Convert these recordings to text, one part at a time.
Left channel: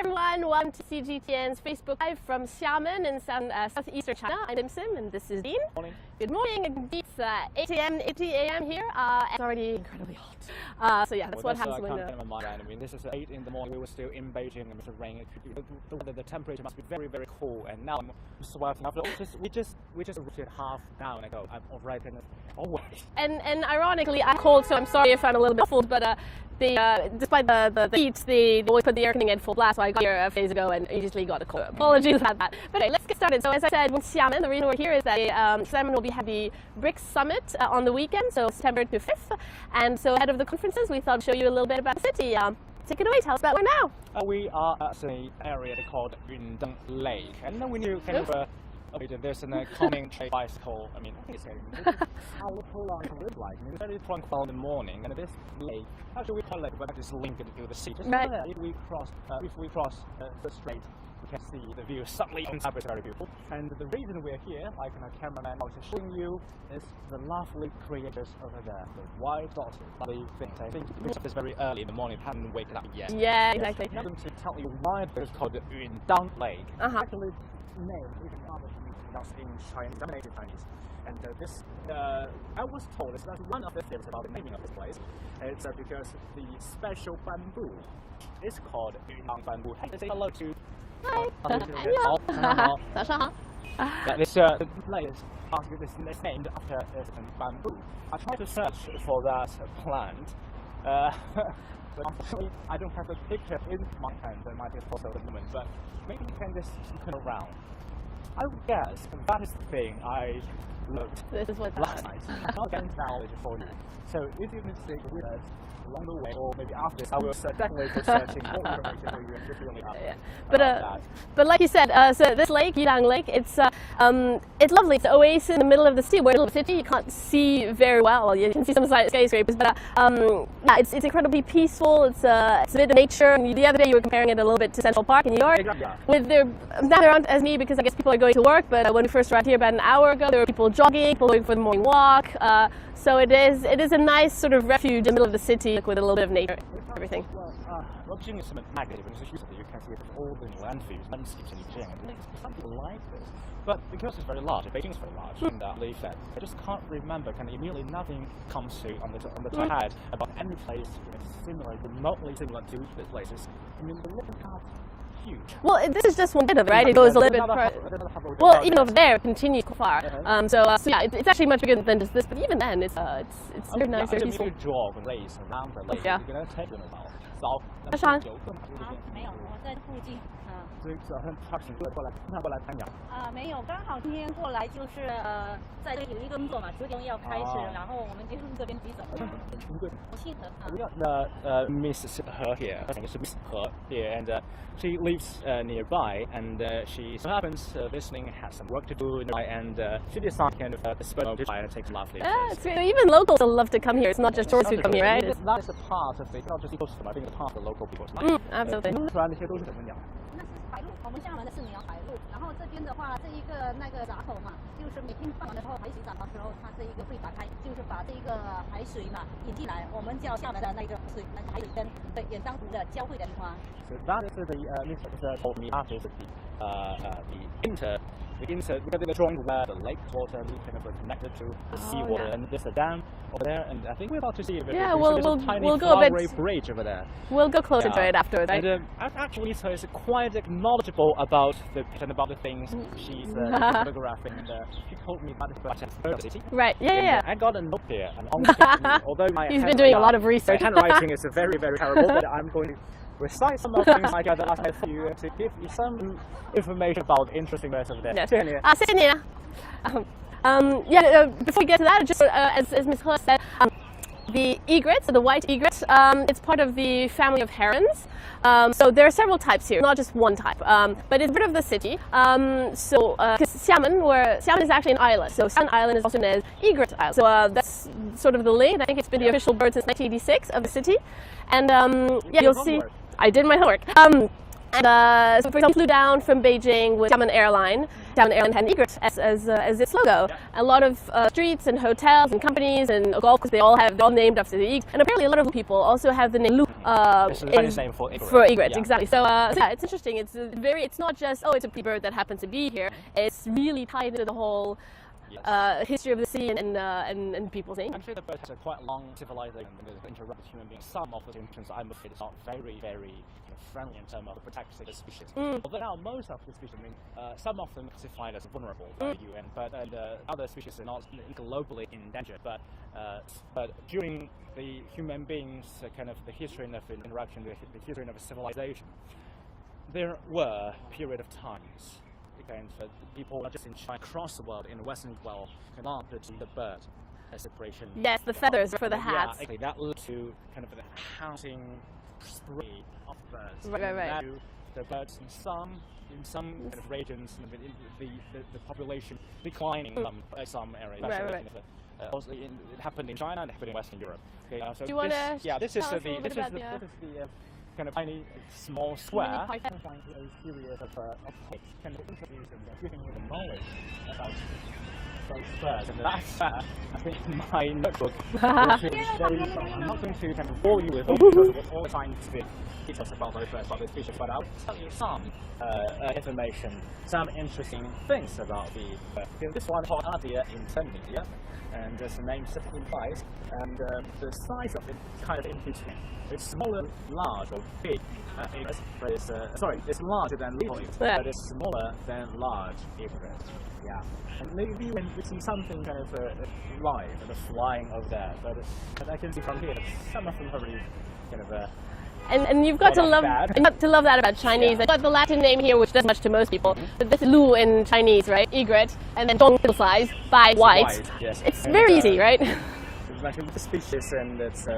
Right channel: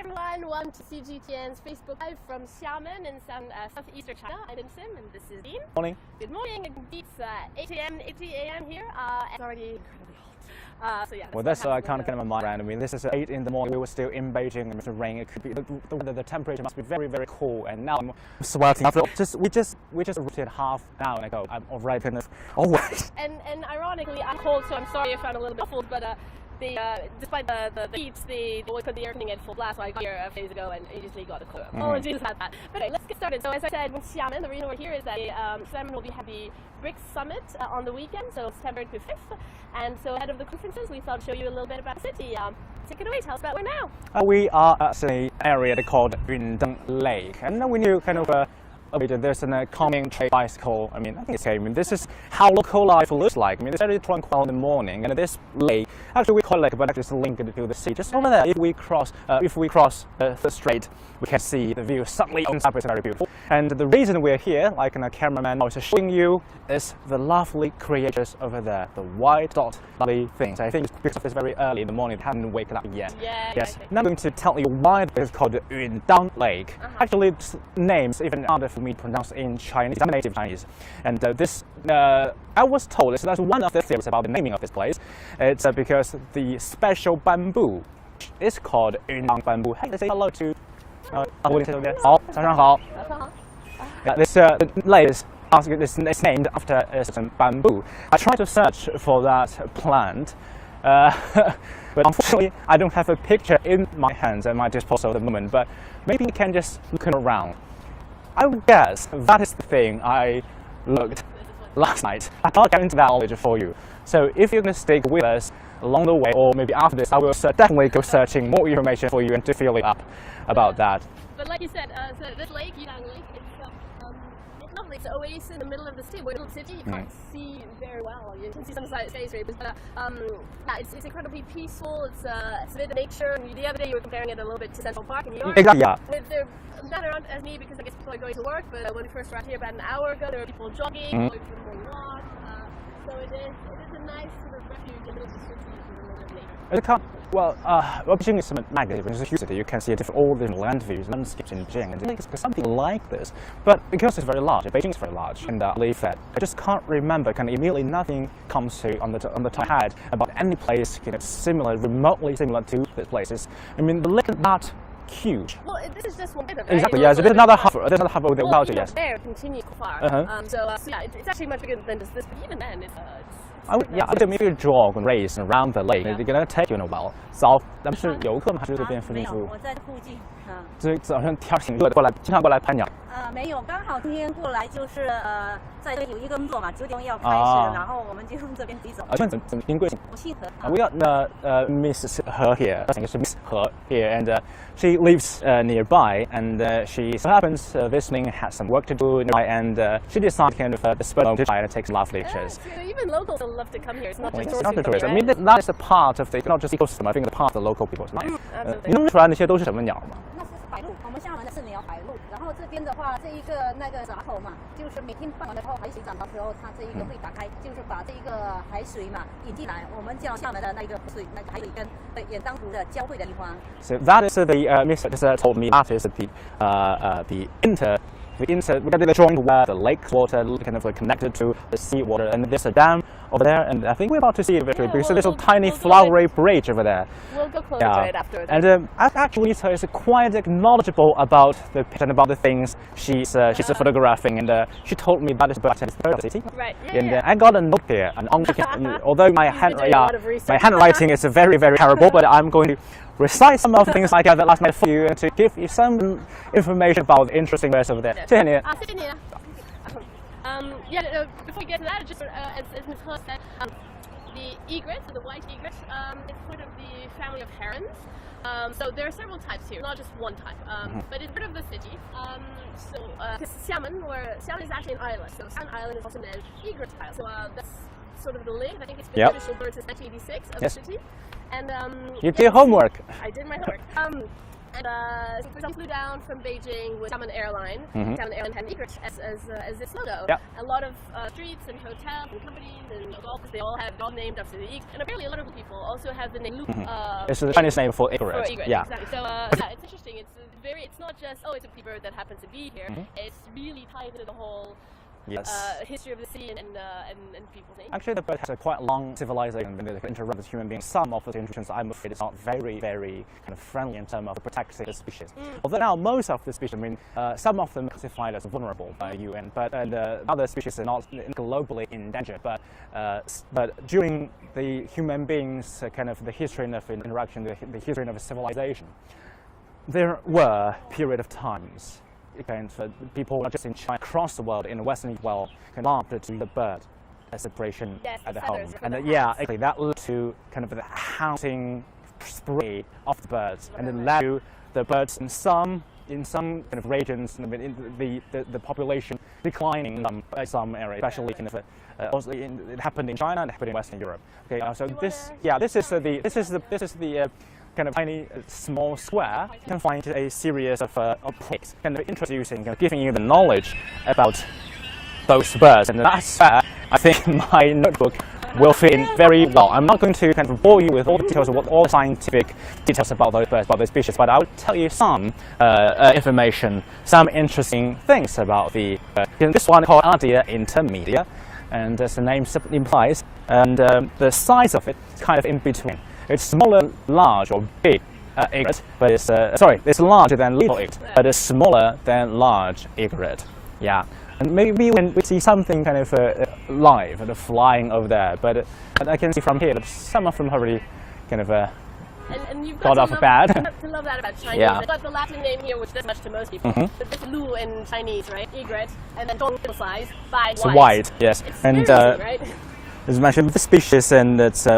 everyone, welcome to CGTN's Facebook Live from Xiamen in southeastern China. I'm Sim and this is Dean. Morning. Good morning. It's 8 a.m. here. It's already incredibly hot. So yeah, that's kind of my mind. I mean, this is 8 in the morning. We were still in Beijing and it's rain. It could be the temperature must be very, very cool. And now I'm sweating. After we just rotated half an hour ago. I'm already kind of always. And ironically, I'm cold, so I'm sorry if I'm a little bit muffled, but. Despite the heat, they always put the air conditioning at full blast, so I got here a few days ago and immediately got a cold. Apologies about that. But anyway, let's get started. So as I said, with Xiamen, the reason we're here is that Xiamen will be having the BRICS Summit on the weekend, so September 5th. And so ahead of the conferences, we thought to show you a little bit about the city. Take it away, tell us about where now. We are at an area called Yundang Lake. And we knew kind of there's a coming trade bicycle. I think it's okay. This is how local life looks like. It's very tranquil in the morning, and this lake, actually we call it lake, but actually it's linked to the sea. Just over there, if we cross the strait, we can see the view suddenly opens up. It's very beautiful. And the reason we're here, like a cameraman was showing you, is the lovely creatures over there, the white dot, lovely things. I think it's because it's very early in the morning, they haven't waken up yet. Yeah, exactly. Now I'm going to tell you why it's called the Yundang Lake. Actually, its names even harder for me to pronounce in Chinese, I'm native Chinese. And I was told, that's one of the theories about the naming of this place. It's because the special bamboo is called Yundang bamboo. Hey, let's say hello to. This lake is named after some bamboo. I tried to search for that plant, but unfortunately I don't have a picture in my hands at my disposal at the moment. But maybe you can just look around. I would guess that is the thing I looked last night. I can't get into that knowledge for you. So if you're going to stick with us along the way, or maybe after this, I will definitely go searching more information for you and to feel it up about that. But like you said, so this lake, Yundang Lake, it's lovely. It's an oasis in the middle of the city. We're in the middle of the city. You can't see very well. You can see some skyscrapers, but yeah, it's incredibly peaceful. It's a bit of nature. And the other day you were comparing it a little bit to Central Park in New York. Exactly, yeah. With not around as me because I guess people are going to work. But when we first arrived here about an hour ago, there were people jogging, going for the morning walk. So it is a nice sort of refuge in the middle of the city with a little bit of nature. Everything. Well, Beijing is magnificent. It's a huge city. You can see all the land views, landscapes in Beijing, and it's something like this. But because it's very large, Beijing is very large, and I believe that I just can't remember. Immediately nothing comes to on the top of my head about any place similar, remotely similar to these places. The lake is not huge. Well, this is just one bit of it, right? Exactly, there's another half of the well, even over there continues far. So yeah, it's actually much bigger than just this. But even then, it's nice. Maybe a jog and race around the lake. It's gonna take you in a while. So 咱们是游客吗？还是这边附近住？我在附近。这好像天挺热的，经常过来拍鸟。没有，刚好今天过来就是在这有一个工作嘛，9点要开始，然后我们就从这边直走。怎么您贵姓？我姓何。We got Miss He here. I think it's Miss He here, and she lives nearby, and she so happens this morning has some work to do nearby, and she decided to spend a try and take lovely pictures. So even locals love to come here. It's not just tourists who come here, right? That is a part of the not just ecosystem. I think it's part of the local people's life. Absolutely. 你弄出来那些都是什么鸟吗？那是白鹭，我们厦门的是鸟白鹭。然后这边的话，这一个那个闸口嘛，就是每天放完了之后，海水涨的时候，它这一个会打开，就是把这一个海水嘛引进来，我们叫厦门的那个水，那个海水跟远当湖的交汇的地方。So that is the Miss just told me that is the joint where the lake water connected to the sea water, and there's a dam over there, and I think we're about to see it because there's a tiny flowery bridge over there. We'll go closer to it afterwards. And actually, so it's quite knowledgeable about the things she's photographing, and she told me about the city. Right. Yeah. And I got a note here, although my handwriting is very, very terrible, but I'm going to recite some of the things I gathered last night for you and to give you some information about the interesting ways over there. 谢谢你。谢谢你。Before we get to that, just as Ms. He said, the egret, the white egret, it's part of the family of herons. So there are several types here, not just one type, but it's part of the city. Because Xiamen is actually an island, so Xiamen Island is also known as Egret Island. So that's sort of the lake. I think it's been the official bird since 1986 of the city. And you did your homework. I did my homework. And so, for example, flew down from Beijing with Xiamen Airline. Xiamen Airline had an egret as its logo. Yep. A lot of streets and hotels and companies and golf courses, they're all named after the egret. And apparently, a lot of people also have the name Lu. It's the Chinese name for egret. For egret, yeah. exactly. So yeah, it's interesting. It's not just it's a pretty bird that happens to be here. It's really tied into the whole. Yes. History of the sea and people's names. Actually, the bird has a quite long civilization when they interact with human beings. Some of the interactions, I'm afraid, is not very, very kind of friendly in terms of protecting the species. Although now most of the species, I mean, some of them are classified as vulnerable by the UN, but other species are not globally endangered. But during the human beings, kind of the history of interaction, the history of civilization, there were period of times. People not just in China, across the world, in the Western world, can love to the bird separation. Yes, the feathers for the hats. Yeah, actually, that led to kind of the hunting spree of the birds, and then led to the birds in some kind of regions, in the population declining in some areas, especially kind of. Also, it happened in China and it happened in Western Europe. Okay, so this is the kind of tiny small square. You can find a series of plaques, kind of introducing, giving you the knowledge about those birds, and that's where I think my notebook will fit in very well. I'm not going to kind of bore you with all the details of all the scientific details about those birds, about those species, but I will tell you some information, some interesting things about the bird. This one called Ardea intermedia, and as the name implies, and the size of it is kind of in between. It's smaller, large, or big egret, but it's it's larger than little egret, but it's smaller than large egret. Yeah, and maybe when we see something kind of live and flying over there, but I can see from here that some of them are already kind of and you've got to love that about Chinese. Yeah. I've got the Latin name here, which does much to most people. But this Lu in Chinese, right? Egret, and then dong size by white. White, yes. It's very easy, right? As mentioned, the species and its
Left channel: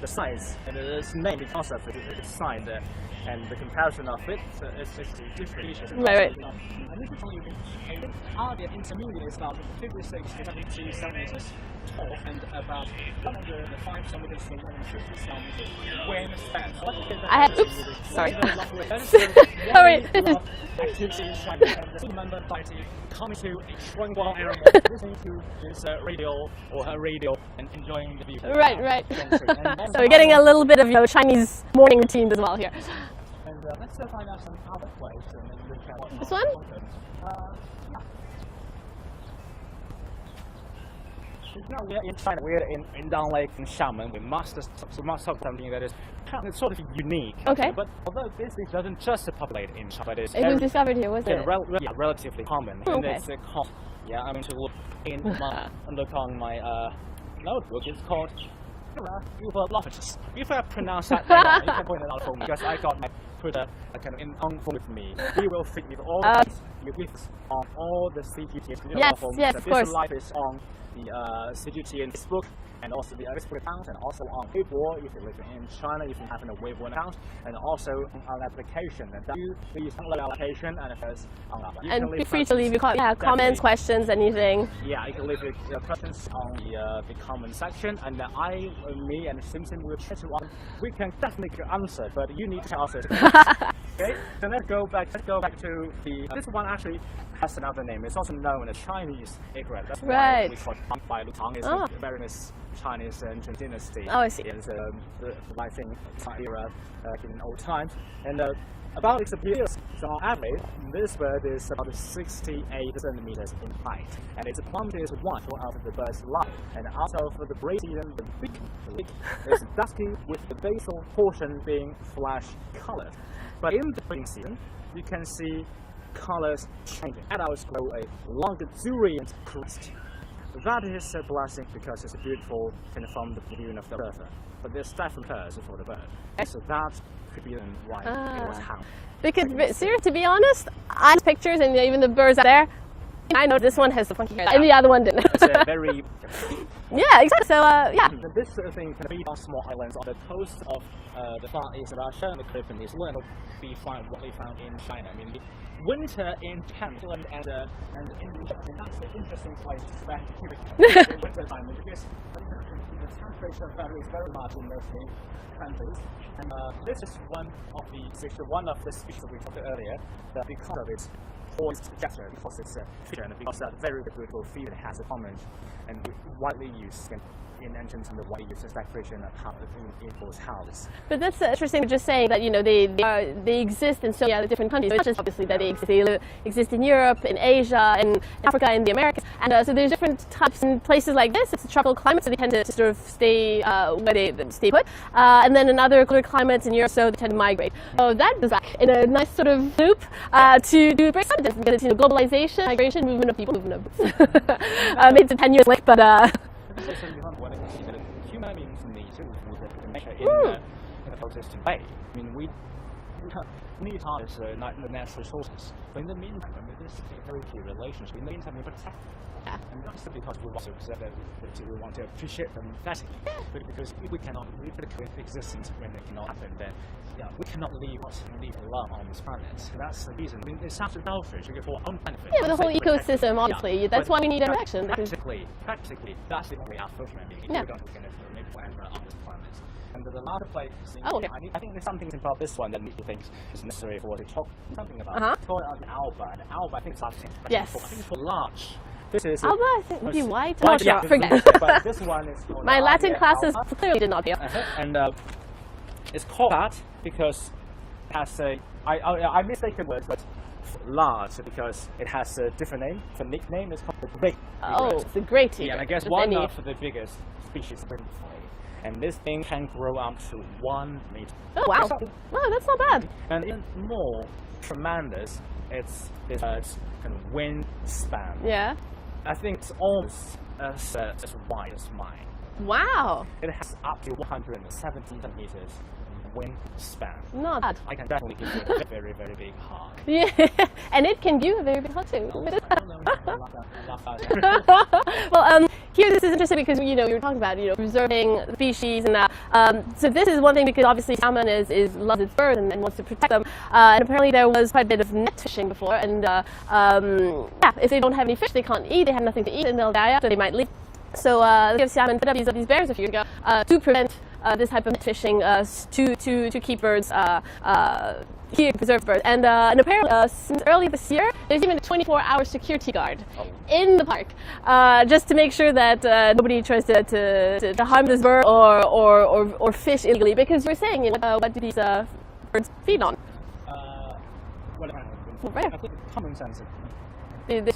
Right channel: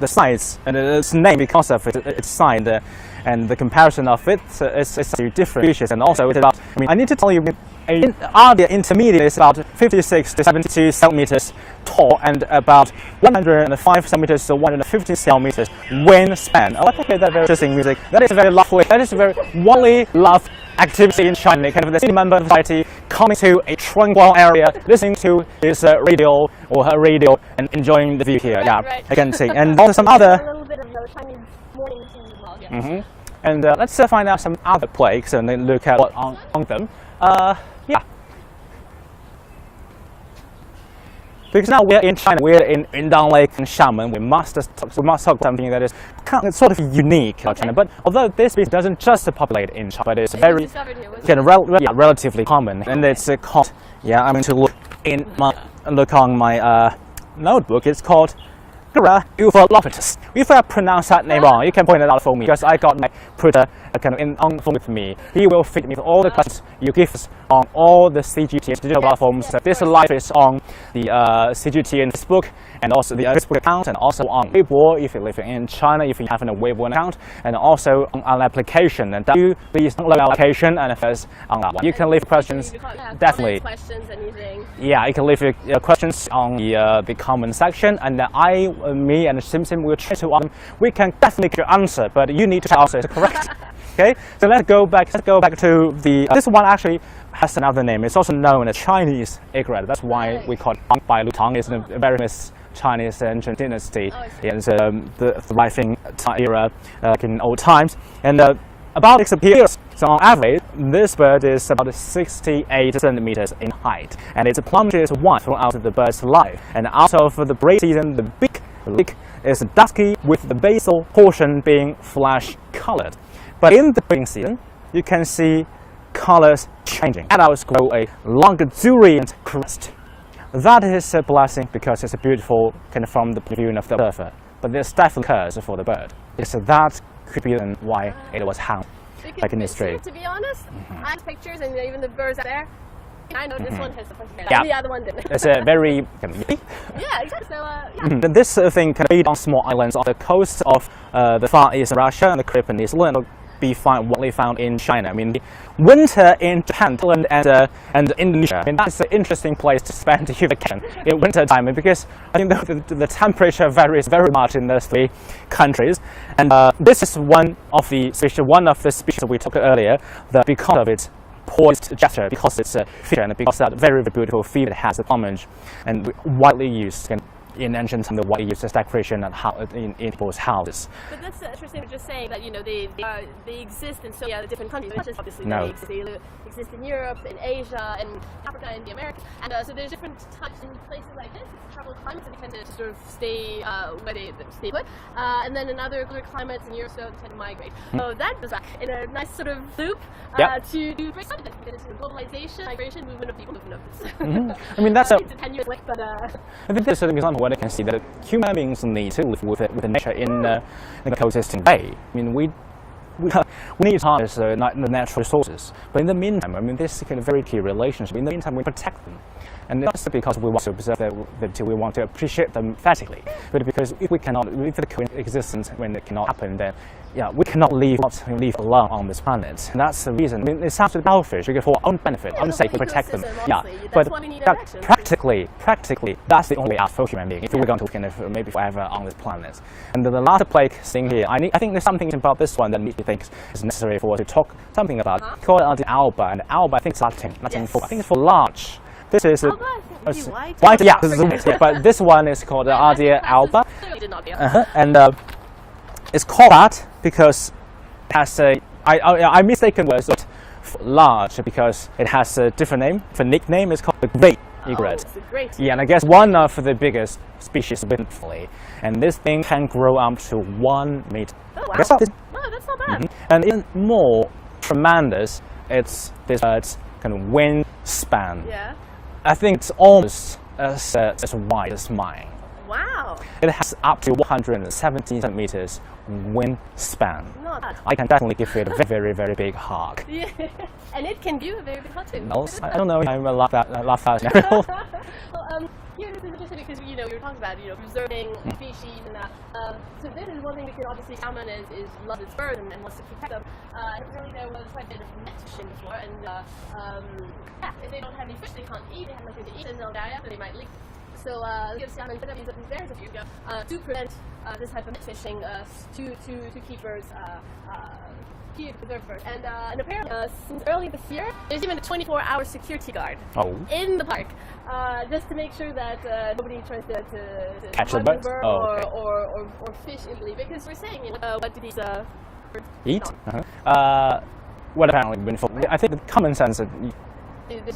the size and its name because of its size and the comparison of it is to different species, and also it's about. I mean, I need to tell you, Ardea intermediate is about 56 to 72 centimeters tall and about 105 centimeters to 150 centimeters wingspan. Oh, okay, that's very interesting music. That is very lovely. That is a very widely loved activity in China. Kind of the city member society coming to a tranquil area, listening to his radio or her radio and enjoying the view here. Right. I can see. And also so some getting a little bit of Chinese morning routine as well here. And let's find out some other plaques and then look at what on them. Yeah. Because now we're in China, we're in Yundang Lake and Xiamen. We must talk something that is kind of, sort of unique. Okay. But although this species doesn't just populate in China, but it's very relatively common, and it's called. Yeah, I'm going to look on my notebook. It's called Ufolopitus. If I pronounce that name wrong, you can point it out for me, because I got my printer kind of on phone with me. He will feed me all the questions you give us on all the CGTN digital platforms. This live is on the CGTN Facebook and also the Facebook account, and also on Weibo if you live in China, if you have a Weibo account, and also on an application. And please download the application and first on that one. You can leave questions. Comments, questions, anything. Yeah, you can leave your questions on the comment section, and me and Sim will try to we can definitely get your answer, but you need to answer it correct. Okay, so let's go back to the this one actually has another name. It's also known as Chinese egret. That's why we call it Bai Lu Tang. It's a very famous Chinese ancient dynasty in the thriving era in old times. And about its appearance, so on average, this bird is about 68 centimeters in height, and its plumage is white throughout the bird's life. And out of the breeding season, the beak is dusky, with the basal portion being flesh-colored. But in the breeding season, you can see colors changing. Adults grow a luxuriant crest. That is a blessing because it's a beautiful kind of from the view of the observer. But there's definitely curse for the bird. So that could be why it was hung. Because to be honest, I have pictures and even the birds out there. I know this one has the funky hair, and the other one didn't. It's a very yeah, exactly. So this thing can be on small islands on the coast of the Far East Russia and the Caribbean Peninsula, and widely found in China. I mean, the winter in Japan, Thailand, and Indonesia. I mean, that's an interesting place to spend your vacation in winter time, because I think the temperature varies very much in those three countries. And this is one of the species we talked earlier, because of its poised gesture, because it's a feature, and because that very, very beautiful feet it has, a plumage, and widely used in ancient time, widely used as decoration in people's houses. But that's interesting, just saying that, you know, they exist in so many other different countries. It's not just obviously that they exist in Europe, in Asia, in Africa, in the Americas, and so there's different types in places like this. It's a tropical climate, so they tend to sort of stay where they stay put, and then in other cooler climates in Europe, so they tend to migrate. So that goes back in a nice sort of loop to break something different, because it's, you know, globalization, migration, movement of people, movement of goods. I mean, that's it's a 10 years late, but I think there's an example where you can see that human beings need to live with the nature in a coexisting way. I mean, we need to harness the natural resources, but in the meantime, I mean, this is a very key relationship. In the meantime, we protect them. And not just because we want to observe them, we want to appreciate them aesthetically, but because if the coexistence, when it cannot happen, then we cannot live alone on this planet. And that's the reason. I mean, it sounds selfish, because for our own benefit, our sake, to protect them. Honestly, that's why we need interaction. Practically, that's the only path for human beings if we're going to maybe forever on this planet. And the last plague thing here, I think there's something about this one that makes me think is necessary for us to talk something about. Called the alba, and alba, I think it's Latin for, I think it's for large. This is white. Yeah, this is a mistake, but this one is called Ardea alba. Clearly did not appear. And it's called that because it has I mistaken words large because it has a different name. The nickname is called the great egret. It's a great egret. Yeah, and I guess one of the biggest species windfully. And this thing can grow up to 1 meter. Oh wow! That's not bad. And even more tremendous, it's this bird's kind of wingspan. Yeah. I think it's almost as wide as mine. Wow. It has up to 170 centimeters wingspan. Not bad. I can definitely give it a very, very, very big hug. Yeah, and it can do a very big hug too. No, I don't know. I love that. Well, here this is interesting because, you know, you're talking about, you know, preserving species and that. So this is one thing, because obviously salmon loves its birds and wants to protect them. And apparently there was quite a bit of net fishing before. And if they don't have any fish, they can't eat. They have nothing to eat, and they'll die after. They might leave. So Xiamen put up these bears a few years ago to prevent this type of net fishing, to keep birds here, preserve birds. And apparently since early this year, there's even a 24-hour security guard in the park, just to make sure that nobody tries to harm this bird or fish illegally. Because we're saying, you know, what do these birds feed on? Well, apparently, I think the common sense that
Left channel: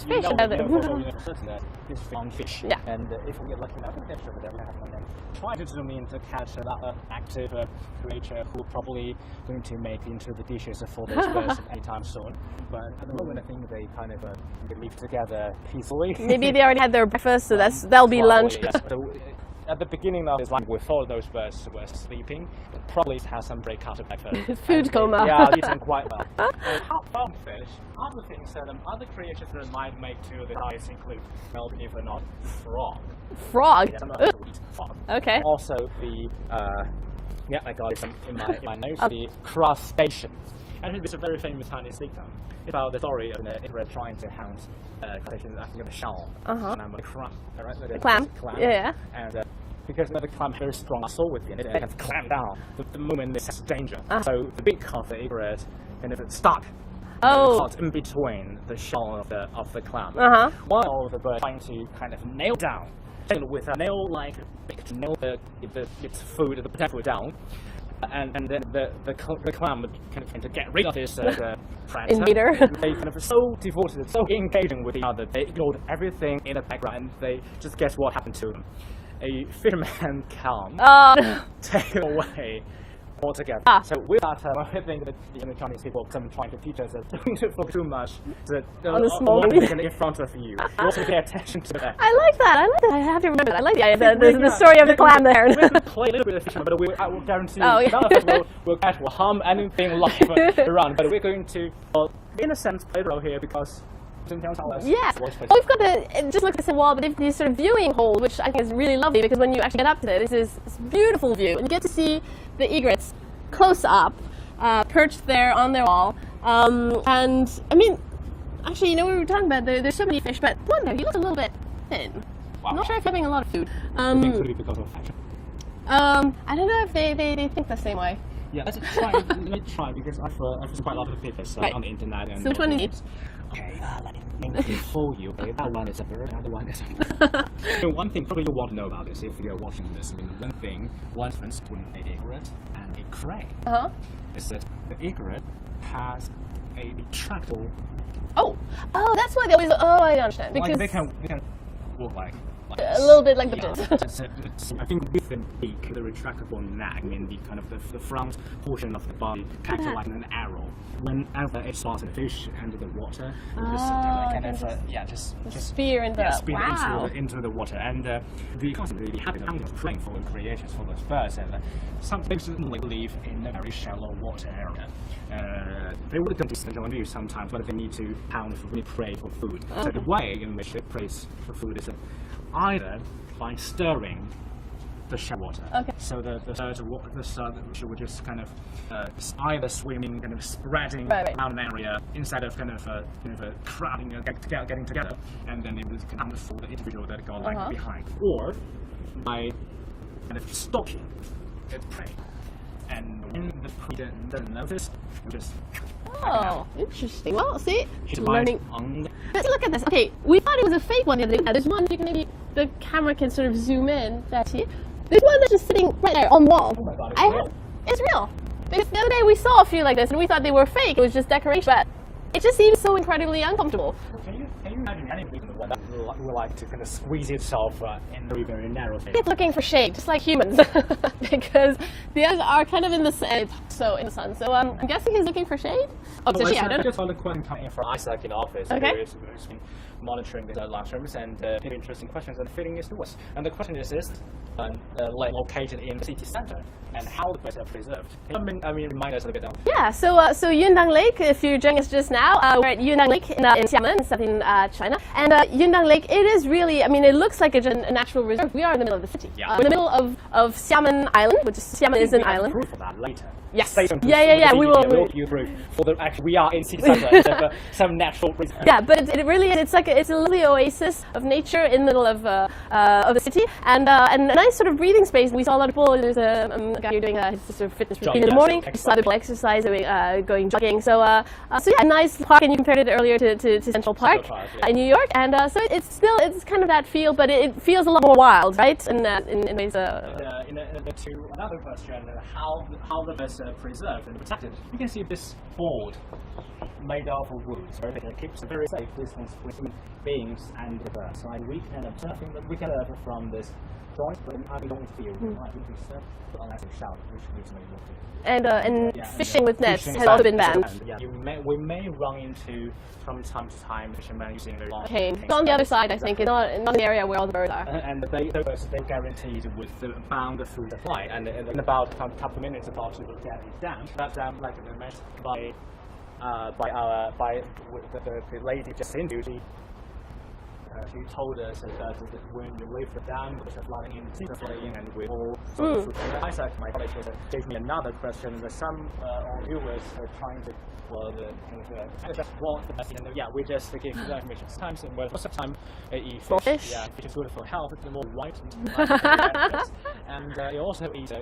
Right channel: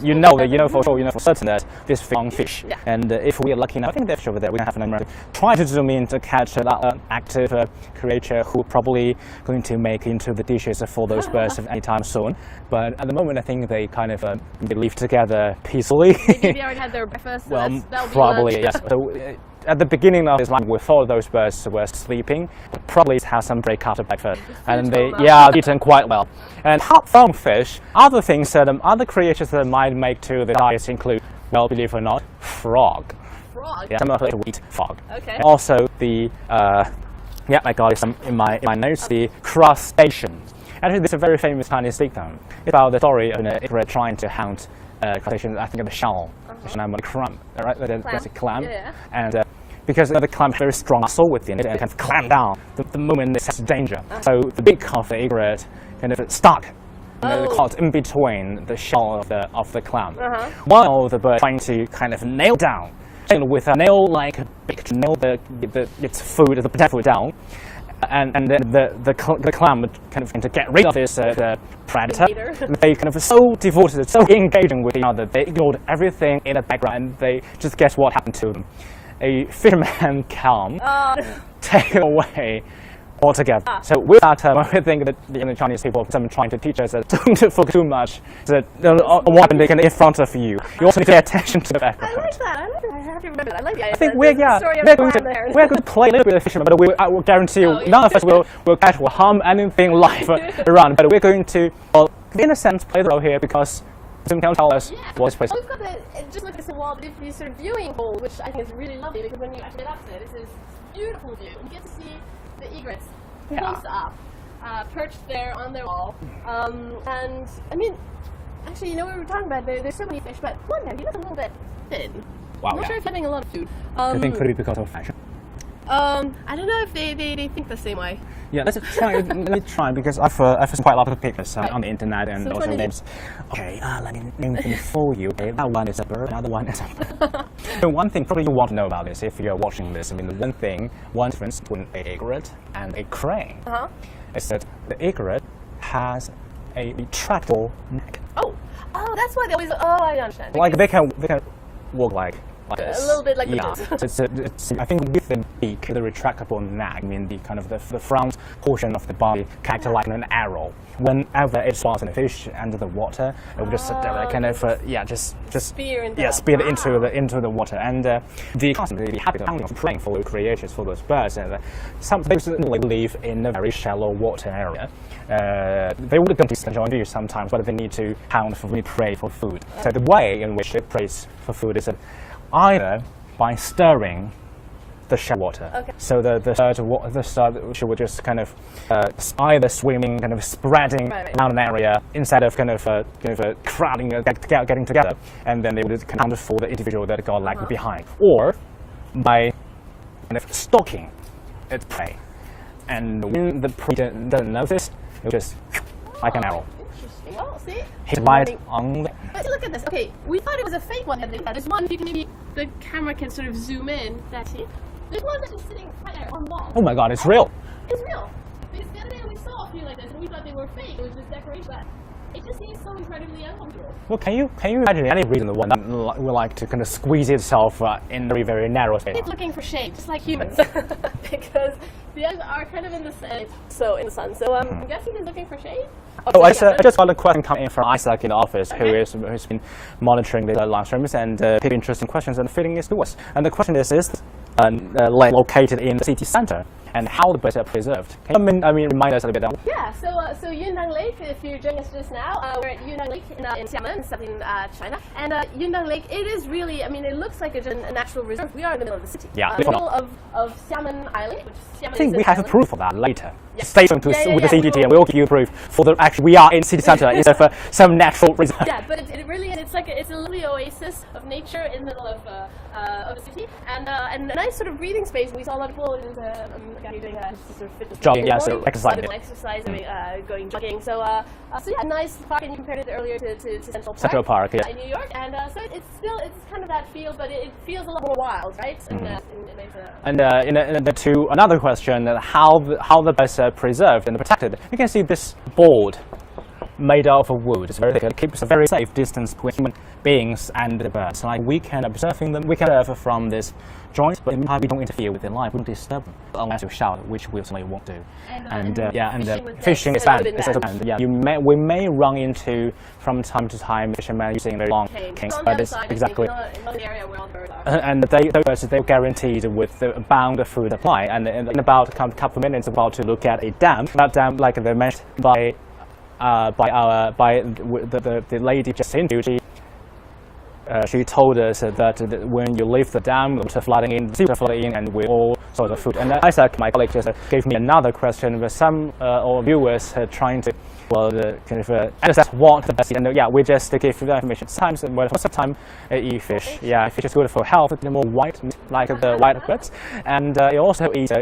you know for certain that this fish, and if we are lucky enough, I think they're over there. We can have an emergency. Try to zoom in to catch an active creature who probably going to make into the dishes for those birds anytime soon. But at the moment, I think they kind of they live together peacefully. Maybe they already had their breakfast, so that'll be lunch. Yes. So, at the beginning of his life, we thought those birds were sleeping, probably have some break after breakfast, and they eaten quite well. And apart from fish, other things that other creatures that might make to the diet include, well, believe it or not, frog. Frog. Yeah, some of us eat frog. Okay. Also the I got it in my notes. The crustacean. Actually, this is a very famous Chinese dictum. It's about the story of an egret trying to hunt crustacean. I think the shell, the clam, right? The clam. Yeah. And because the clam has very strong muscle within it and can clamp down the moment it senses danger. So the beak of the egret kind of stuck caught in between the shell of the clam. While the bird trying to kind of nail down, with a nail-like beak to nail its food, the potato food down. And then the clam would kind of to get rid of this predator. They kind of so devoted, so engaging with each other. They ignored everything in the background, and they just guess what happened to them. A fisherman clam taken away altogether. So with that, I think that the Chinese people are trying to teach us that don't focus too much what they can in front of you. You also need to pay attention to that. I like that. I have to remember that. I like the story of the clam there. We're going to play a little bit of fisherman, but I will guarantee you none of us will catch or harm anything live around. But we're going to, in a sense, play the role here because Zoom can tell us what's place. We've got just look at the wall, but if these sort of viewing holes, which I think is really lovely, because when you actually get up to it, this is this beautiful view, and you get to see the egrets close up. perched there on their wall. And I mean, actually, you know, we were talking about there's so many fish, but one there, he looks a little bit thin. Wow, I'm not sure if he's having a lot of food. I think could be because of fashion. I don't know if they think the same way. Yeah, let's try. Let me try because I've seen quite a lot of pictures on the internet and So also names. Okay, let me name them for you. Okay, that one is a bird, another one is a bird. So one thing probably you want to know about this if you're watching this. I mean, one difference between an egret and a crane is that the egret has a retractable neck. Oh, that's why they always. Oh, I understand. Like they can walk like a little bit like the dogs. it's, I think with the beak, the retractable neck, I mean the kind of the front portion of the body, character like an arrow. Whenever it swallows a fish under the water, it will just kind of just spear into into the water. And the constantly habit of praying for the creatures for those birds. Some they live in a very shallow water area. They would come to join you sometimes, but they need to hunt for prey for food. So the way in which it prays for food is either by stirring the shallow water. Okay. So the she would just kind of either swimming, kind of spreading around an area instead of kind of crowding, getting together, and then they would count for the individual that got left behind, or by kind of stalking its prey. And when the prey doesn't notice, it just like an arrow. Interesting. Well, see, hit right on. Let's look at this. Okay, we thought it was a fake one the other day. There's one. If you can maybe the camera can sort of zoom in. That's it. There's one that's just sitting right there on the wall. Oh my God, it's real. It's real. Because the other day we saw a few like this, and we thought they were fake. It was just decoration, but it just seems so incredibly uncomfortable. Well, can you imagine any reason the one that would like to kind of squeeze itself in very, very narrow space? It's looking for shade, just like humans, because the others are kind of in the sun. So I'm guessing he's looking for shade. I just got a question coming in from Isaac in the office, who's been monitoring the live streams and picking interesting questions and feeding it to us. And the question is located in the city center, and how the birds are preserved? Can you remind us a little bit? Yeah, so Yundang Lake, if you're joining us just now, we're at Yundang Lake in Xiamen, in southern China. And Yundang Lake, it is really, it looks like a natural reserve. We are in the middle of the city. Yeah. In the middle of Xiamen Island, which is Xiamen is an island. We have proof for that later. Yes. Stay tuned with the CGTN. We'll give you proof for the actually we are in city center instead of some natural reserve. Yeah, but it really is. It's a lovely oasis of nature in the middle of the city, and a nice sort of breathing space. We saw a lot of people. There's a guy here doing his sort of fitness routine in the morning. Other people exercise, going jogging. So yeah, a nice park, and you compared it earlier to Central Park, in New York, and so it's kind of that feel, but it feels a lot more wild, right? In ways. To another question, how the birds are preserved and protected. You can see this board made out of wood. It's very thick. It keeps a very safe distance between human beings and the birds. Like we can observe from this joint, but we don't interfere with their life. We don't disturb them unless you shout, which we certainly won't do. And fishing with nets has also been banned. Yeah, we may run into from time to time fishermen using very long canes. On the other side, exactly. I think, not in the area where all the birds are. And they're guaranteed with the bound food supply. And in about a couple of minutes, about to look at a dam. That dam, like they mentioned by the lady just interviewed, she told us that when you leave the dam, water flooding in, and we all saw the food. And Isaac, my colleague, just gave me another question. But some viewers are trying to understand what the best. And we just give the information. Sometimes eat fish. Yeah, fish is good for health. It's more white, like the white birds, and it also eats.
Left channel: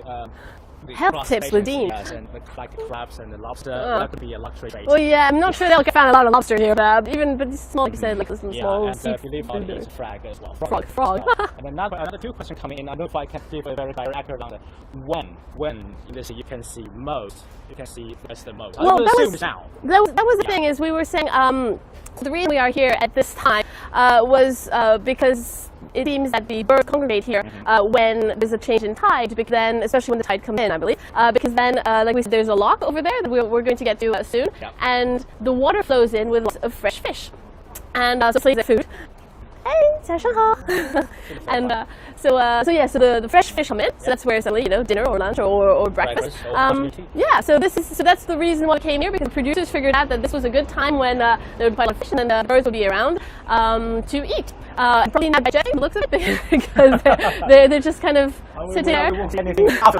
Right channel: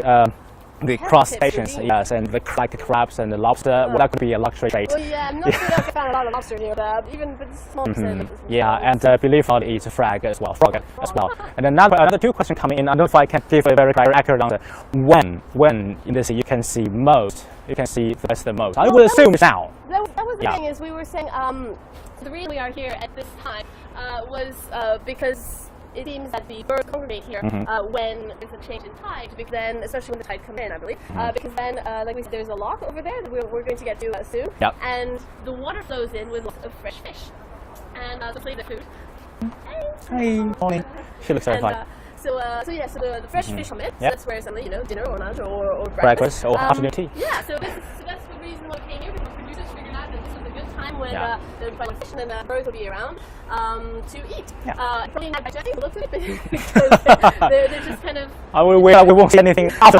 The crustaceans, yes, and the crabs and the lobster. Well, that could be a luxury trait. Well, yeah, I'm not sure they'll find a lot of lobster here, but small percent like this. Yeah, and believe it eats a frog as well. Frog. As well. And another two questions coming in. I don't know if I can give a very accurate answer. When in this you can see most? You can see the most. I would assume now. That was the thing, is we were saying the reason we are here at this time was because it seems that the birds congregate here when there's a change in tide, because then, especially when the tide comes in, I believe, because then, like we said, there's a lock over there that we're going to get to soon, and the water flows in with lots of fresh fish, and so plays their food. Hey, she looks so fun. So the fresh fish come in. So that's where it's dinner or lunch or breakfast. Or afternoon tea. Yeah. So that's the reason why we came here, because producers figured out that this was a good time when there would be quite a lot of fish and the birds would be around to eat. Probably not by judging the looks of it, because they're just kind of. We won't see anything after.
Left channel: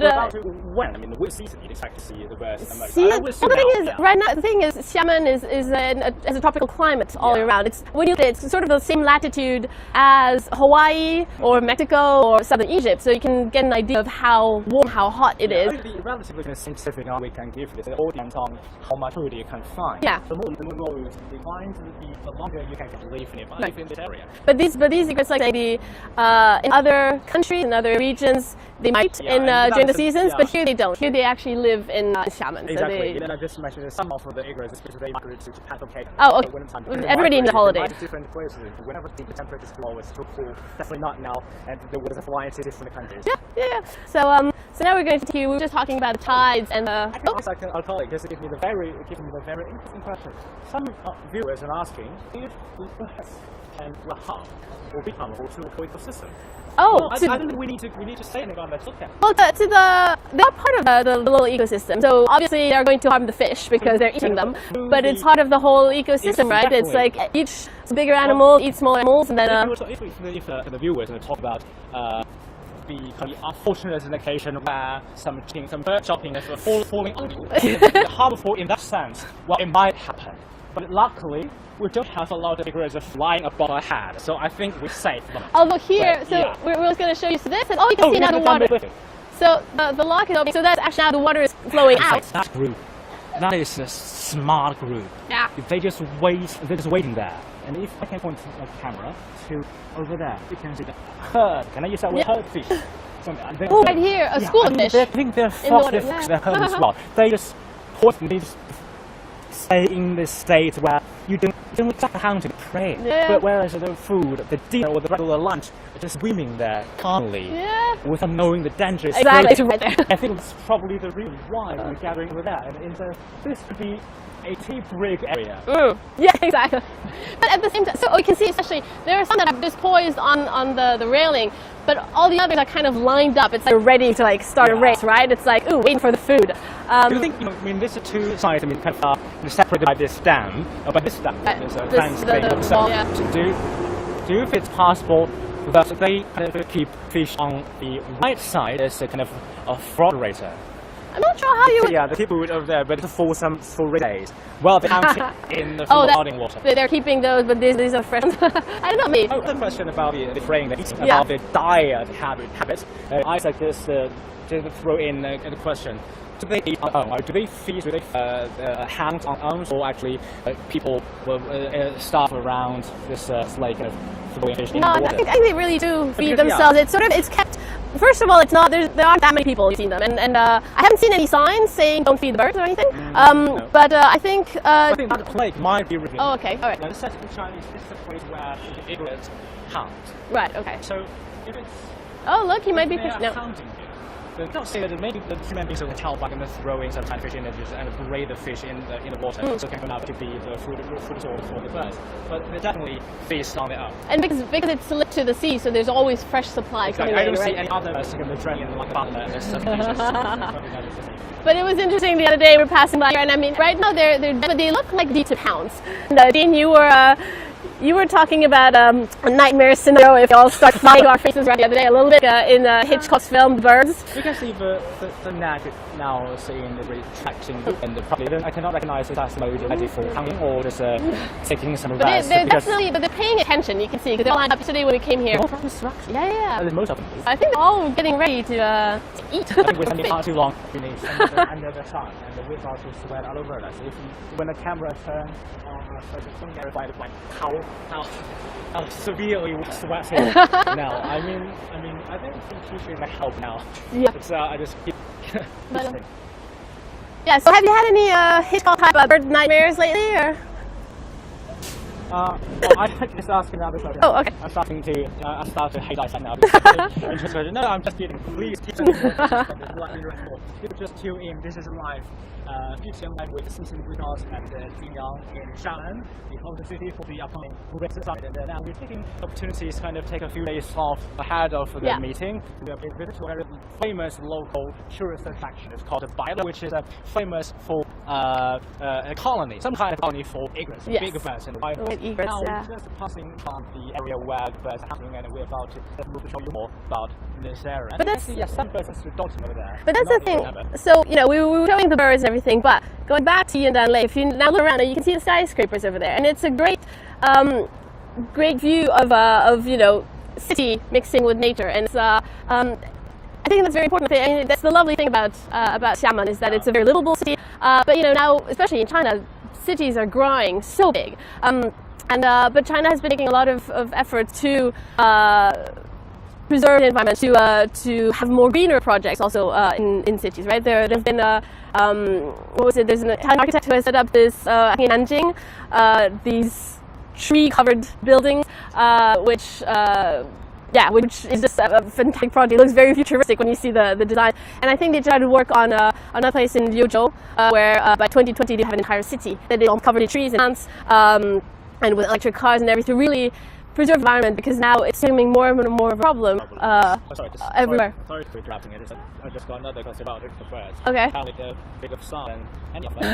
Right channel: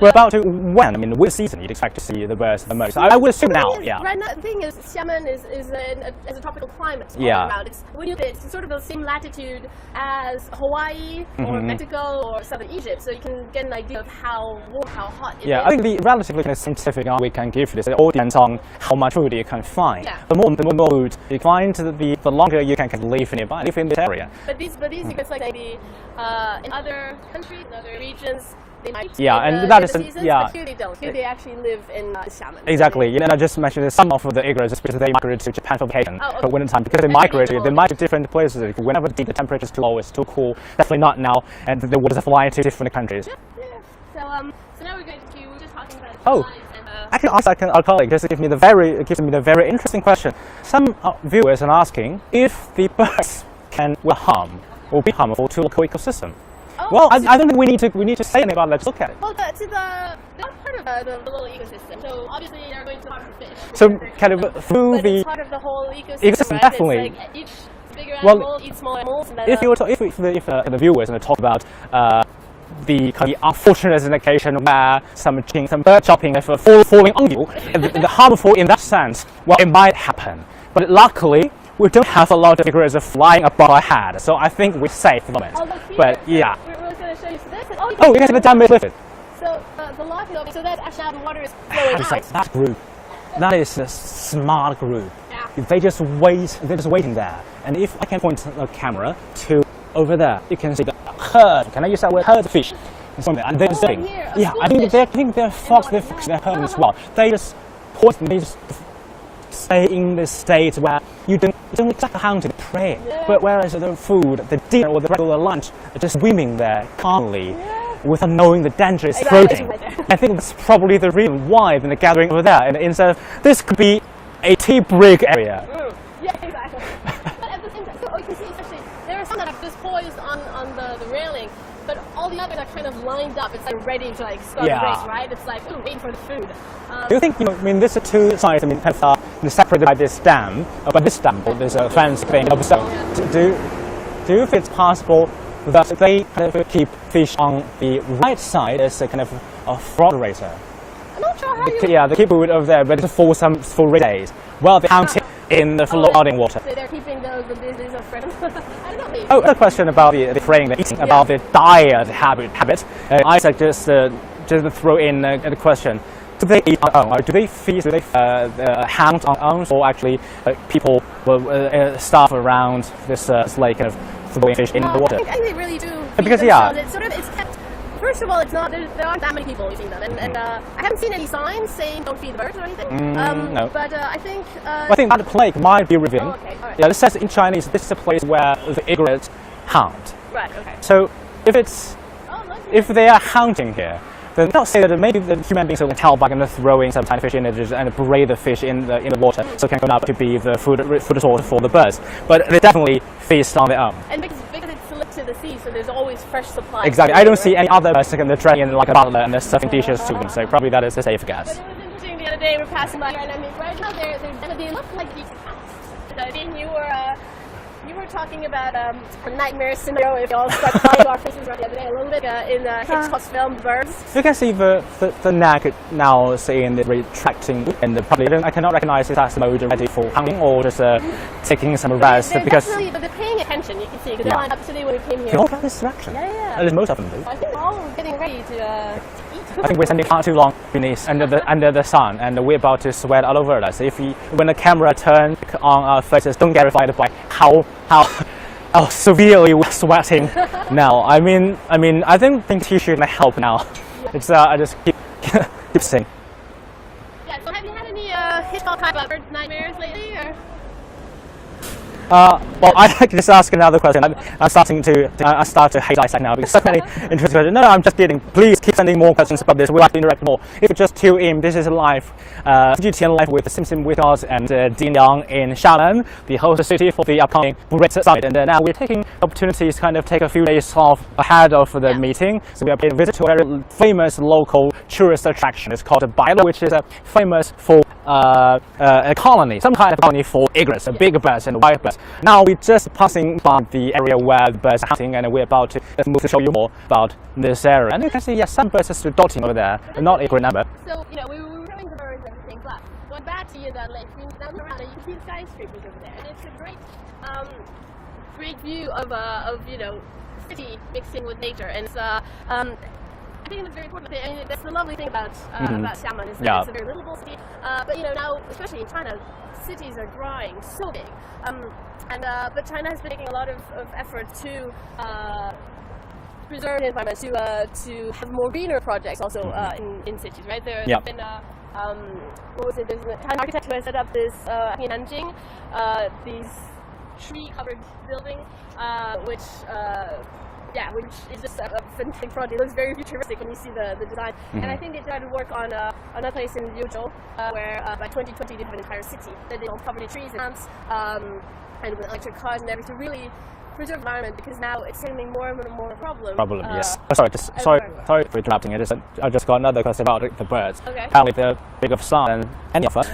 We're about to when? I mean, which season you'd expect to see the birds the most? I would assume now. Right now, the thing is, Xiamen has a tropical climate all around. It's sort of the same latitude as Hawaii or Mexico or southern Egypt, so you can get an idea of how warm, how hot it is. I think the relatively kind of scientific answer we can give this, it all depends on how much food you can find. Yeah. The more food you find, the longer you can live nearby, live in this area. But these egrets, like in other countries, in other regions, they might during the seasons, but here they don't. Here they actually live in Xiamen. Exactly. I just mentioned that some of the egrets, because they migrate to Japan for vacation. For winter time, because they migrate to different places. Whenever the temperature is too low, it's too cool. Definitely not now, and the waters fly to different countries. Yeah. So now we're going to we were just talking about the tides and I can ask our colleague. This gives me the very interesting question. Some viewers are asking if the birds will be harmful to local ecosystem. I don't think we need to say anything about it. Let's look at it. Well, they're part of the little ecosystem. So obviously they're going to harm the fish because they're eating them. But it's part of the whole ecosystem, right? Definitely. It's like each bigger animal eats smaller animals, and then if the viewers are talking about the unfortunate occasion where some bird chopping is falling on you, the harmful in that sense, well, it might happen. But luckily, we don't have a lot of egrets flying above our head, so I think we're safe for the moment. Look here. We're just going to show you this. And you can see the dam is lifted. So the lock is open. So that's actually how the water is flowing out. That's group. That is a smart group. Yeah. They're just waiting there. And if I can point a camera to over there, you can see the herd. Can I use that word? Herd fish. Something. And they're right here, a school fish. I think they're herd as well. They just stay in this state where you don't have to pray. But whereas the food, the dinner or the regular lunch are just swimming there calmly without knowing the danger is floating. Right there. I think that's probably the reason why they're gathering over there. And instead of this could be a tea break area. Yeah, exactly. But at the same time, so you can see especially there are some that are just poised on the railing, but all the others are kind of lined up. It's like ready to start a race, right? It's like waiting for the food. Do you think there's a two sides? Kind of separated by this dam, but this dam there's a fence thing. Do you think it's possible that they kind of keep fish on the right side as a kind of a fraud racer? I'm not sure how you. They keep it over there, but for days. Well, they're counting in the flooding water. They're keeping those, but these are fresh. I don't know, maybe. A question about the fraying, the eating, about the diet habit. Isaac just throw in a question. Do they eat on own? Do they feed? Do they hunt on own, or actually people will starve around this lake kind of throwing fish in the water? I think they really do feed themselves. It's kept. First of all, it's not. There aren't that many people who've seen them, and I haven't seen any signs saying don't feed the birds or anything. No. But I think. I think that plague might be revealed. Oh, okay, all right. Yeah, it says in Chinese this is a place where the egrets hunt. Right. Okay. So if it's. Oh look! If they are hunting here, then not say that maybe the human beings will help by throwing some tiny fish in it and braid the fish in the water, so it can go up to be the food source for the birds. But they definitely feast on their own. And because it's linked to the sea, so there's always fresh supply. Exactly. I don't see any other birds dragging in like a butler and they're serving dishes to them. So probably that is a safe guess. But it was interesting the other day we're passing by here, and I mean right now they look like deep hounds. And Dean, you were talking about a nightmare scenario if we all start flying our faces around the other day a little bit in Hitchcock's film Birds. You can see the neck now saying the retracting, and I cannot recognize it as mode ready for hunting or just taking some rest. But they're paying attention, you can see, because they're lined up yesterday when we came here. All from this direction. Yeah. At least most of them do. I think they're all getting ready to eat. I think we're standing far too long beneath under the sun, and we're about to sweat all over us. When the camera turns on our faces, don't get terrified by how severely we're sweating now. I mean, I think tissue can help now. Yeah. It's I just keep saying. Yeah. So have you had any Hitchcock type bird nightmares lately, or? Well, I'd like to just ask another question. Oh, okay. I start to hate Isaac now because so many interesting questions. No, I'm just kidding. Please keep sending more questions about this. We'd like to interact more. If you just tune in, this is live, CGTN live with Xiamen with us and Yundang in Xiamen, the host city for the upcoming Egret summit. And now we're taking opportunities to kind of take a few days off ahead of the meeting. So we are paying a visit to a very famous local tourist attraction. It's called Bailu, which is famous for a colony, some kind of colony for egrets, big birds and wild birds. Now we're just passing by the area where the birds are hunting, and we're about to move to show you more about this area. And you can see, some birds are still dotting over there, but not a great number. So, we were showing the birds and everything, but going back to Yundang Lake, if you now look around, you can see the skyscrapers over there, and it's a great, great view of city mixing with nature, and it's I think that's very important. I mean, that's the lovely thing about Xiamen is that it's a very livable city. But now, especially in China, cities are growing so big. But China has been making a lot of effort to preserve the environment, to have more greener projects also in cities. Right? There's been what was it? There's an Italian architect who has set up this in Nanjing, these tree-covered buildings, which is just a fantastic project. It looks very futuristic when you see the design. And I think they tried to work on another place in Liuzhou, where by 2020 they have an entire city that they all covered in trees and plants, and with electric cars and everything to really preserve the environment, because now it's becoming more and more of a problem. Yes. Sorry for interrupting. I just got another question about the birds. Okay. Apparently they're big of sun than any of us.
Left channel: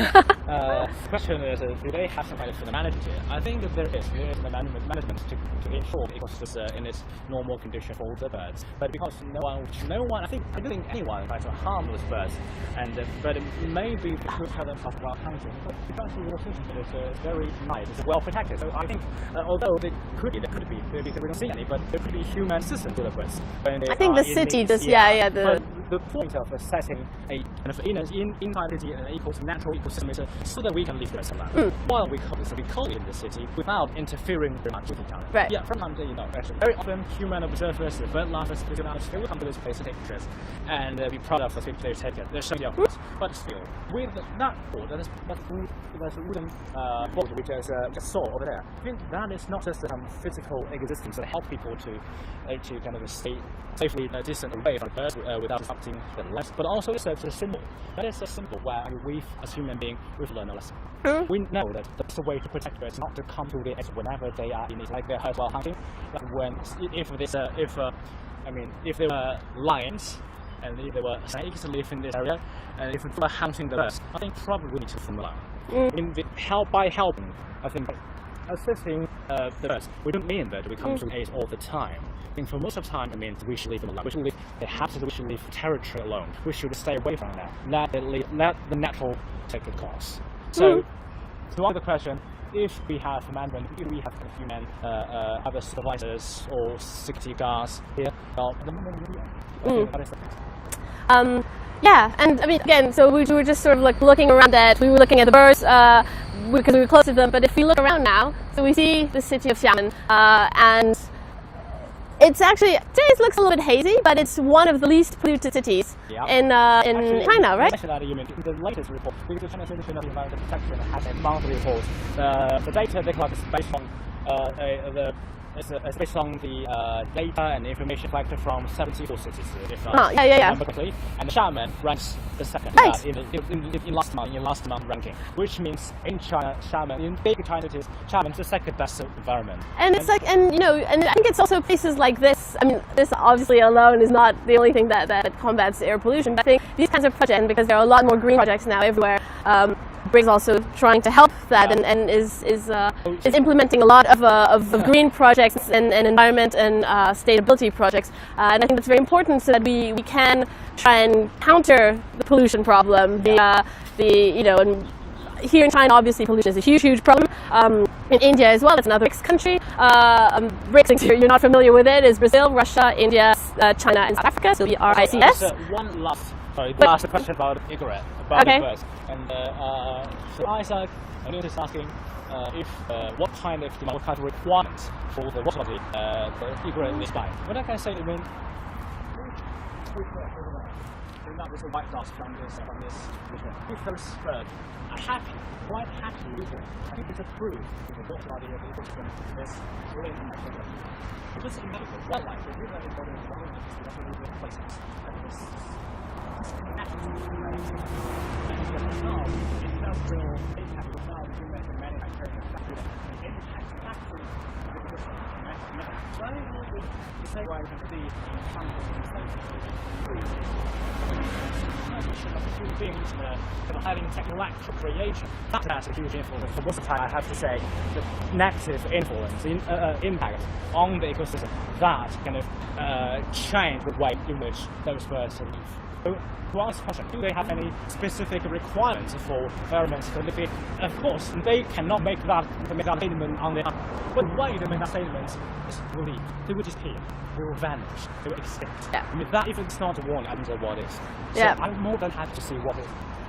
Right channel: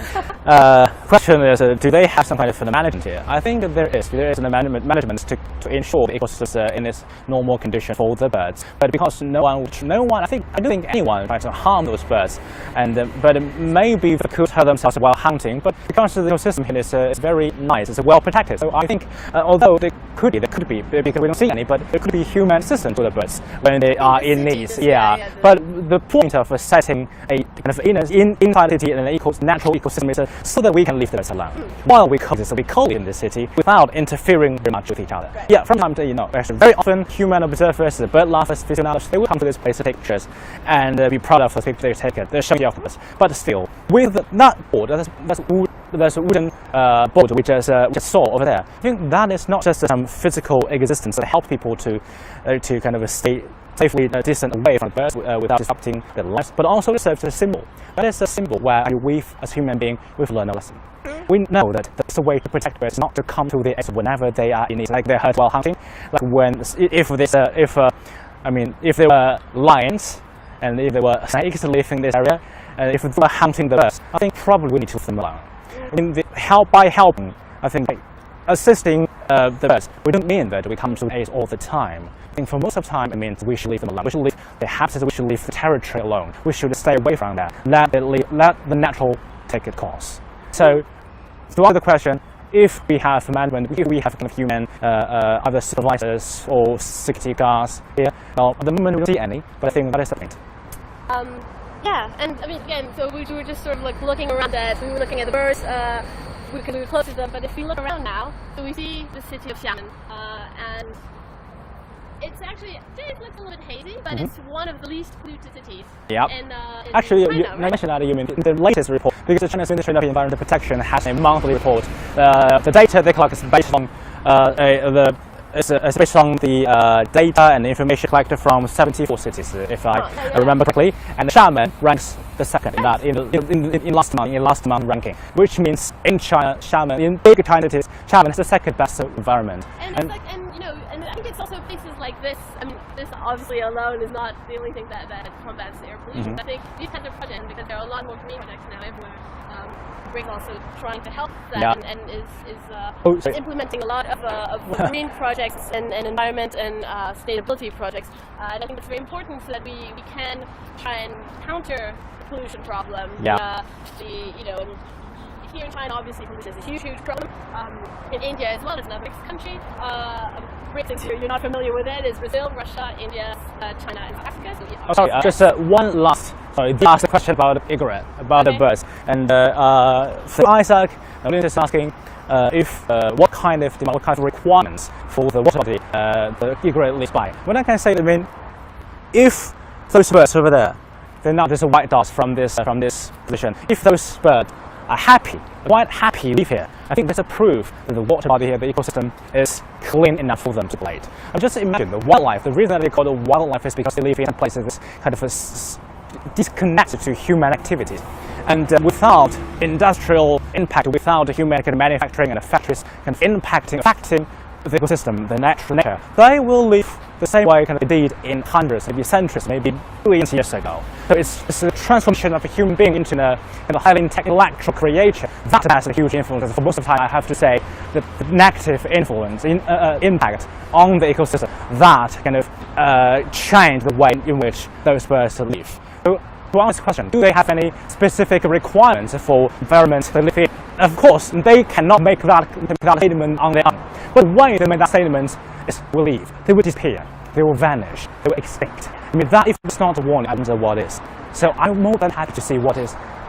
Question is, do they have some kind of management here? I think that there is a management to ensure the ecosystem in its normal condition for the birds. But because no one, I don't think anyone tries to harm those birds. But maybe they could hurt themselves while hunting. But because the ecosystem here is very nice, it's well protected. So I think, although there could be, because we don't see any, but there could be human assistance to the birds when they are in need. But the point of setting a kind of inside the city and an natural ecosystem is so that we can leave the birds alone while we coexist in the city without interfering very much with each other. Right. From time to time, very often human observers, the bird lovers, aficionados, they will come to this place to take pictures and be proud of the pictures they take. They're showing off us. But still, with that board, there's a wooden board we just saw over there. I think that is not just some physical existence that helps people to kind of stay safely distant away from birds without disrupting their lives, but also it serves as a symbol. That is a symbol where we, as human beings, we've learned a lesson. We know that that's a way to protect birds, not to come to the exit whenever they are in need, like they're hurt while hunting. Like if there were lions and if there were snakes living in this area, and if they were hunting the birds, I think probably we need to leave them alone. By helping, I think, assisting the birds, we don't mean that we come to the aid all the time. I think for most of the time, it means we should leave them alone. We should leave the habitats, we should leave the territory alone. We should stay away from that. Let the natural take its course. So, to answer the question, if we have management, if we have kind of human other supervisors or security guards here, well, at the moment we don't see any, but I think that is the point. Yeah, and I mean, again, so we were just sort of like looking around at, we were looking at the birds because we were close to them, but if we look around now, so we see the city of Xiamen, and it's actually, today it looks a little bit hazy, but it's one of the least polluted cities in actually, China, you right? mentioned that, you mean the latest report, because the Chinese Ministry of Environmental Protection has a monthly report. The data they collect is based on it's based on the data and information collected from 74 cities, if I remember correctly. And Xiamen ranks the second in last month ranking, which means in China, Xiamen, in big China cities, Xiamen is the second best environment. And it's like, and I think it's also places like this. I mean, this obviously alone is not the only thing that combats air pollution. But I think these kinds of projects, because there are a lot more green projects now everywhere. Briggs also trying to help that and is implementing a lot of green projects and environment and sustainability projects, and I think that's very important so that we can try and counter the pollution problem. And here in China, obviously pollution is a huge problem. In India as well, that's another BRICS country. BRICS, you're not familiar with it, is Brazil, Russia, India, China, and South Africa. So we are just one last. Sorry, the last question about egret, about the birds. And for Isaac, I'm just asking what kind of requirements for the water body the egret lives by. When I can say, I mean, if those birds over there, they're not just white dots from this position. If those birds quite happy live here. I think that's a proof that the water body here, the ecosystem, is clean enough for them to play. And just imagine the wildlife. The reason that they call it wildlife is because they live in places that's kind of disconnected to human activities. And without industrial impact, without human manufacturing and factories affecting the ecosystem, the natural nature, they will live the same way they did in hundreds, maybe centuries, maybe billions of years ago. So it's a transformation of a human being into a highly intellectual creature. That has a huge influence. For most of the time, I have to say, the negative influence, impact on the ecosystem that change the way in which those birds live. So, to answer this question, do they have any specific requirements for environment they live in? Of course, they cannot make that statement on their own. But the way they make that statement is will leave. They will disappear. They will vanish. They will extinct. Yeah. I mean, that if it's not a warning, I don't know what is. So I'm more than happy to see what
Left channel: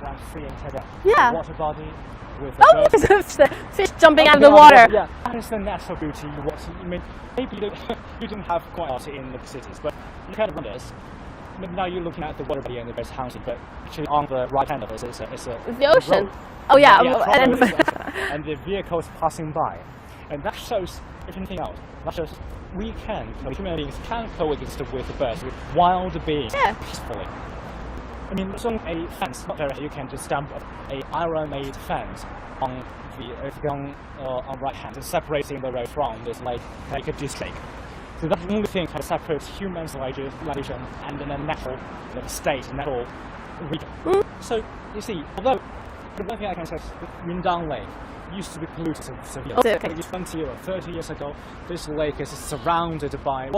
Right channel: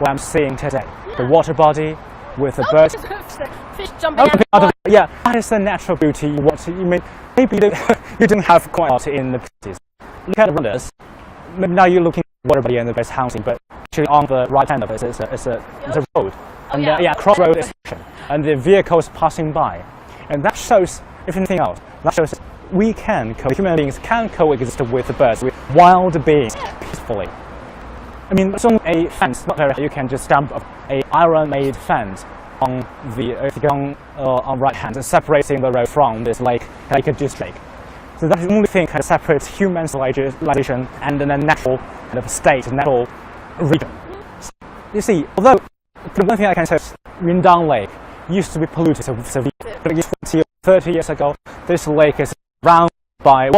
I'm seeing today. Yeah. The water body with the birds. The fish jumping out of the water. Yeah, that is the natural beauty you want to. Maybe you don't have quite a lot in the cities, but look at the us. Now you're looking at the water body and the birds housing, but actually on the right hand of it is a road. Oh yeah, yeah, crossroad and the vehicles passing by, and that shows, if anything else, that shows human beings can coexist with the birds, with wild beings peacefully. I mean, it's only a fence, not very. You can just stamp a iron-made fence on the on right hand, separating the road from this lake district. So that's the only thing that separates human civilization and the natural state, natural region. So you see, although the one thing I can say is Yundang Lake used to be polluted severely. 20 or 30 years ago, this lake is surrounded by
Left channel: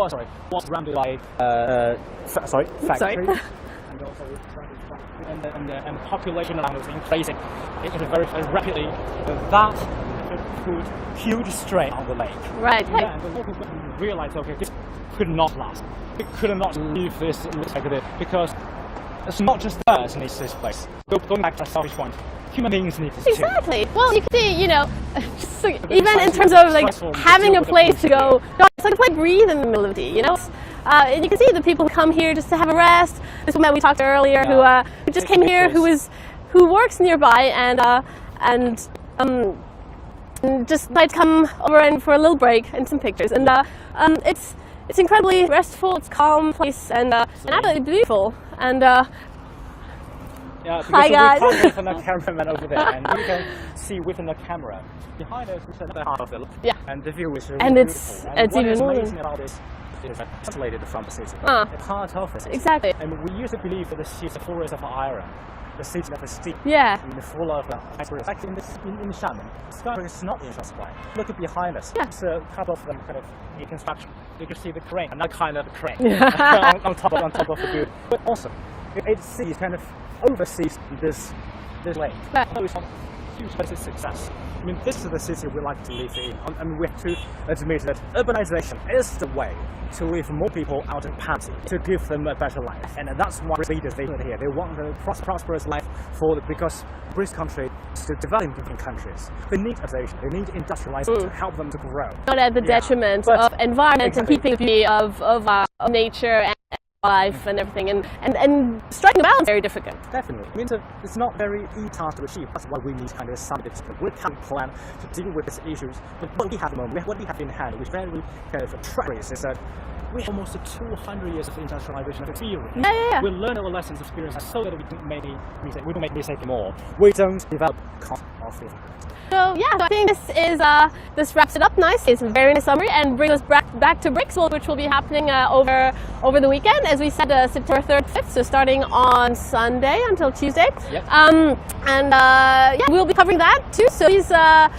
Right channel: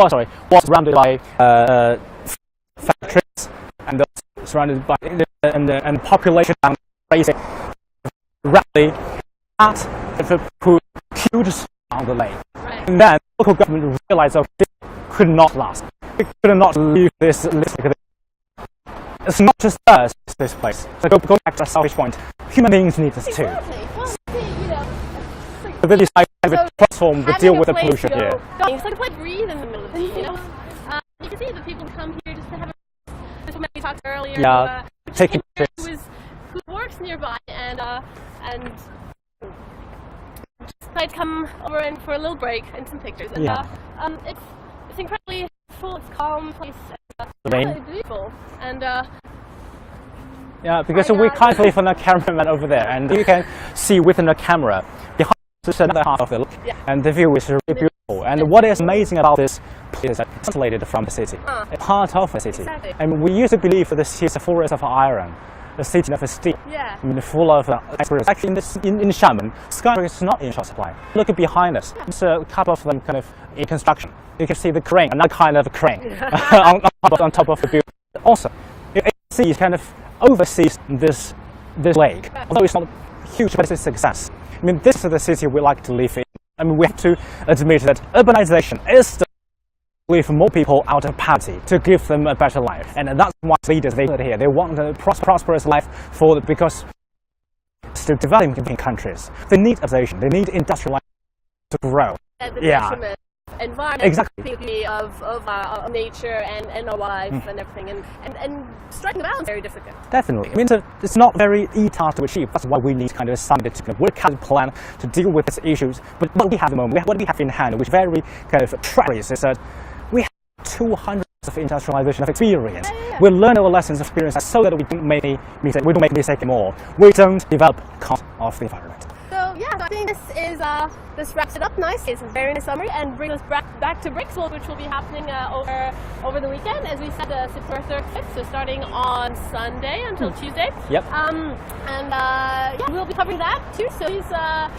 factories and also surrounded by and population increasing very rapidly. That put huge strain on the lake. Right. And then the local government realized, okay, this could not last. We could not leave this like this because it's not just us who needs this place. So going back to our selfish point, human beings need this too. Exactly. Well, you can see, even in terms of having a place to go, it's like a place to breathe in the middle of the day, And you can see the people who come here just to have a rest. This woman we talked to earlier who just came here, who works nearby and just like to come over and for a little break and some pictures. And it's incredibly restful. It's a calm place and absolutely beautiful. And yeah, because we can't see from the cameraman over there, and you can see within the camera behind us is another half of the lake, and the view is really beautiful. And what is amazing about this place is that it's isolated from the city, a part of the city. Exactly. And we used to believe that the city is a forest of iron, the city of steel. Yeah. I mean, full of skyscrapers. Actually, in Xiamen, skyscrapers is not in short supply. Look behind us. Yeah. There's a couple of them in construction. You can see the crane, another kind of crane on top of the building. But also, it oversees this lake. Although it's not huge, but it's a success. I mean, this is the city we like to live in. I mean, we have to admit that urbanization is the way to leave more people out of poverty, to give them a better life. And that's why leaders they here. They want a prosperous life because British country is still developing countries. They need urbanization, they need industrialization to help them to grow. Not at the detriment of environment and keeping the beauty of nature and our life and everything. And striking a balance is very difficult. Definitely. I mean, it's not very easy task to achieve. That's why we need somebody to work out a plan to deal with these issues. But what we have at the moment, what we have in hand, which very treacherous, is that we have almost 200 years of industrialization of experience. We learn our lessons of experience so that we don't make mistakes anymore. We don't develop concept of the environment. So I think this wraps it up nicely. It's a very nice summary and brings us back to Bricks, which will be happening over the weekend, as we said, September 3rd, 5th. So starting on Sunday until Tuesday. Yep. We'll be covering that too. So please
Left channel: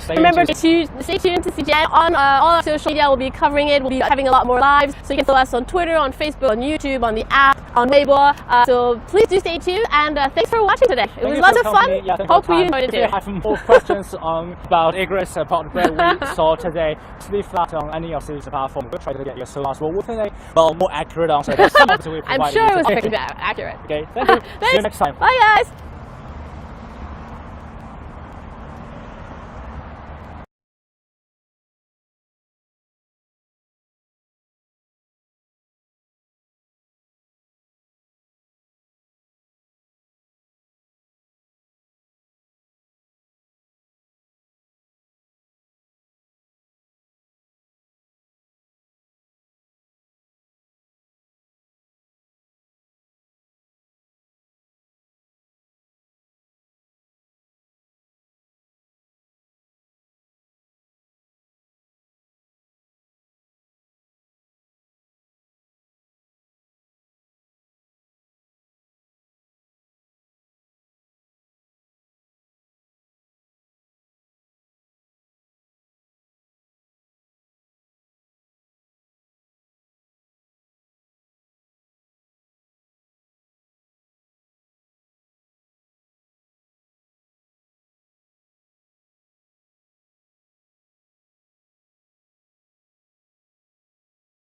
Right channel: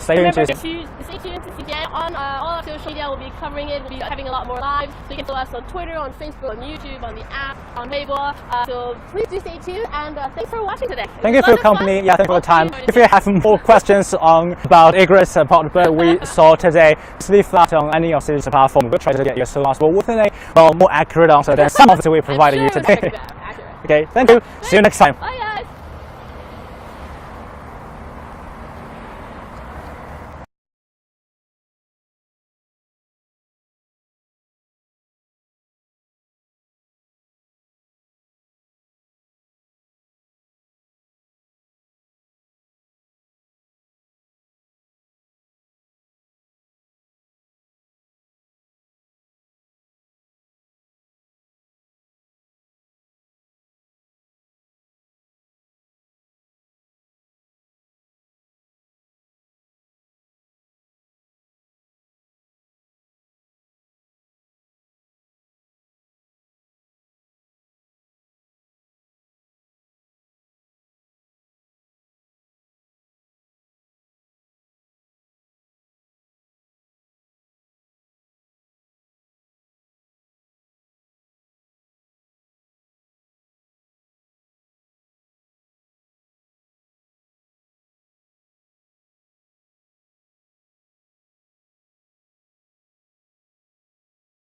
remember to stay tuned to CGTN on all our social media. We'll be covering it. We'll be having a lot more lives. So you can follow us on Twitter, on Facebook, on YouTube, on the app, on Weibo. So please do stay tuned. And thanks for watching today. Thank you for your company. Yeah, thank you for your time. If you have more questions about egrets and part we saw today, just leave that on any of these platforms. We'll try to get you as soon as possible with a more accurate answer than some of the we provided you today. Accurate. Okay, thank you. See you next time. Bye guys.